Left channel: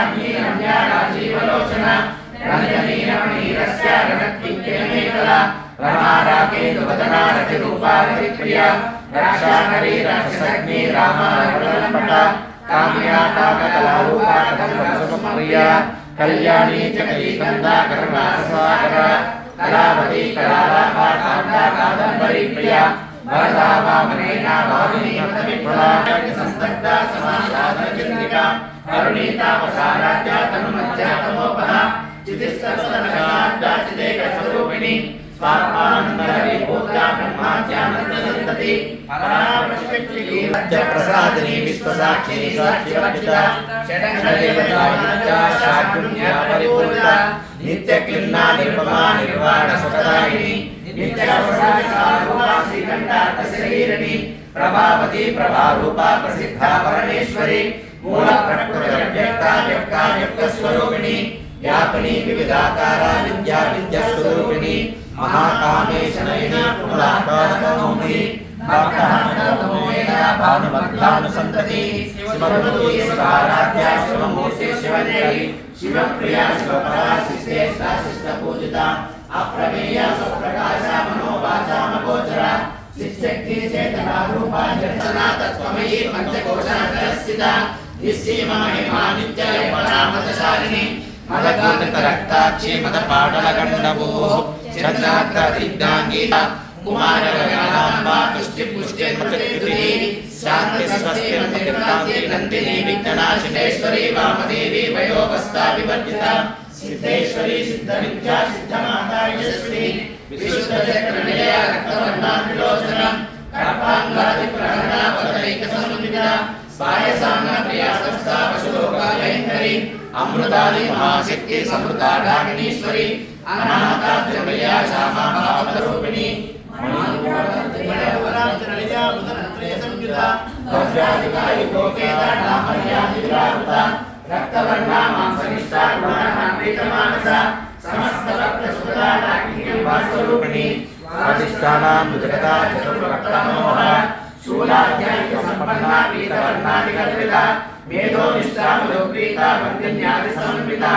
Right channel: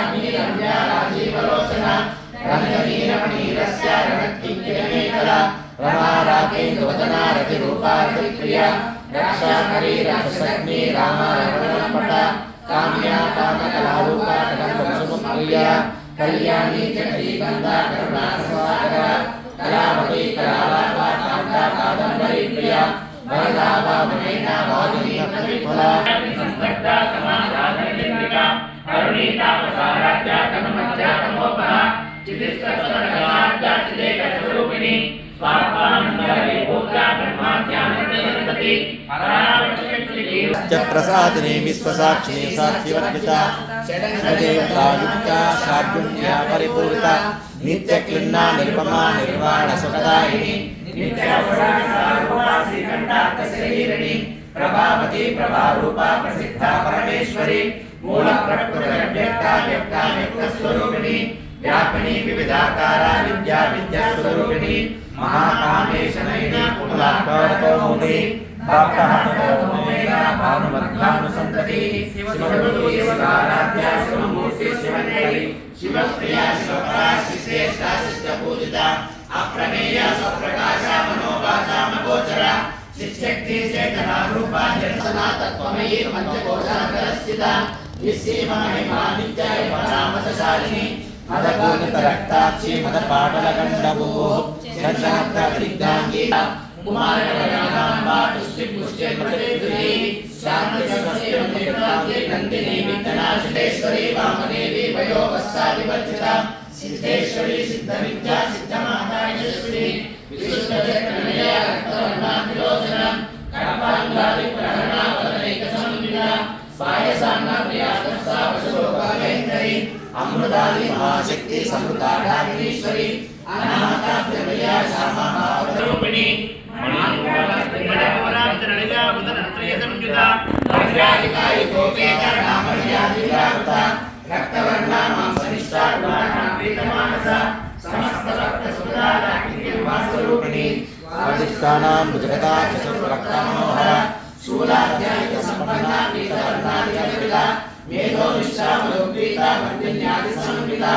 राज्ञी रम्या राजीवलोचना रञ्जनीरमणीरस्य रणत्किङ्किणीतला रमा राकेतुवदना रतिरूपा रतिप्रिया राक्षानरी राक्षसग्नि रामा रवलम्पटा काम्या कामकलारूपा कदम्बकुसुमप्रिया कल्याणी चकरीकन्दा करुणासागरा कलावती कलालापा कान्ता कादम्बरी प्रिया वरदा वामनेना वादिनी मदविफला संस्तग्धा समाराधनचन्द्रिका करुणीता वसाराध्या तनुमध्या तमोपहा चितिस्तवदनगाढ्या चिदेकस्वरूपिणी स्वात्मानन्दविभूता ब्रह्माद्यानन्दसन्तति प्रसादिनी विश्वसाक्षिणी साक्षिवर्तिता षड्देवतायुक्ता षड्गुण्या परिपूरिता नित्यक्लिन्ना निर्ममा निर्वाण सुखदायिनी नित्यारूपा श्रीकण्ठार्थशरीरिणी प्रभावती प्रभारूपा प्रसिद्धा परमेश्वरी मूल प्रकृतिर्व्यक्ता व्यक्ताव्यक्तस्वरूपिणी व्यापिनी विविधाकारा विद्या विद्यास्वरूपिणी महाकामेशनयिनी कुमलाटोरकौमुदी भक्तहनुमोमेना भानुमद्भानुसन्तति शिवरूपी शिवाराध्या शिवमूर्ति शिवनेरी शिवप्रिया शिवपरा शिश्रेष्ठा शिष्टपूजिता अप्रमेया स्वप्रकाशा मनोवाचा मगोचरा चित्शक्ति चेतना रूपा चेतना तत्त्वमयी पंचकोशान्तरस्थिता विसीमा महिमा नित्य परामतशालिनी मदगोदकरक्ताक्षी मदपाटलगण्डभूः चन्द्रार्कदिग्धाङ्गीता कुमारगणाम्बा तुष्टिपुष्टिर्मतिर्विधुः शान्तिस्वस्तिर्मतिर्कान्ति नन्दिनी विघ्ननाशिनेश्वरी वामदेवी वयोवस्था विवर्जिता सिद्धेश्वरी सिद्धविद्या सिद्धमाता यशस्वी विशुद्धचक्रनिलया रक्तवर्णा त्रिलोचना कपाङ्गादिप्रहरणा वदनैकसंविदा स्वायसाम्नप्रिया संस्था वशुलोकालयङ्करी अमृतादि महाशक्ति समृता ढाकिनीश्वरी अनाहता त्रिमया श्यामा भावरूपिणी मणिपूर्णा संयुता भव्यादिकाय गोपेता नामर्यादिविरावृता रक्तवर्णा मांसनिष्ठा गुणानाम्रीतमानसा समस्त भक्तसुखदा वास्तरूपिणी स्वादिष्टानां मुद्रता चतुर्भक्तमोहरा शूलाध्यायिक संपन्ना पीतवर्णादिकल्पिता मेधोनिष्ठा मधुप्रीता वन्द्यन्यादि समन्विता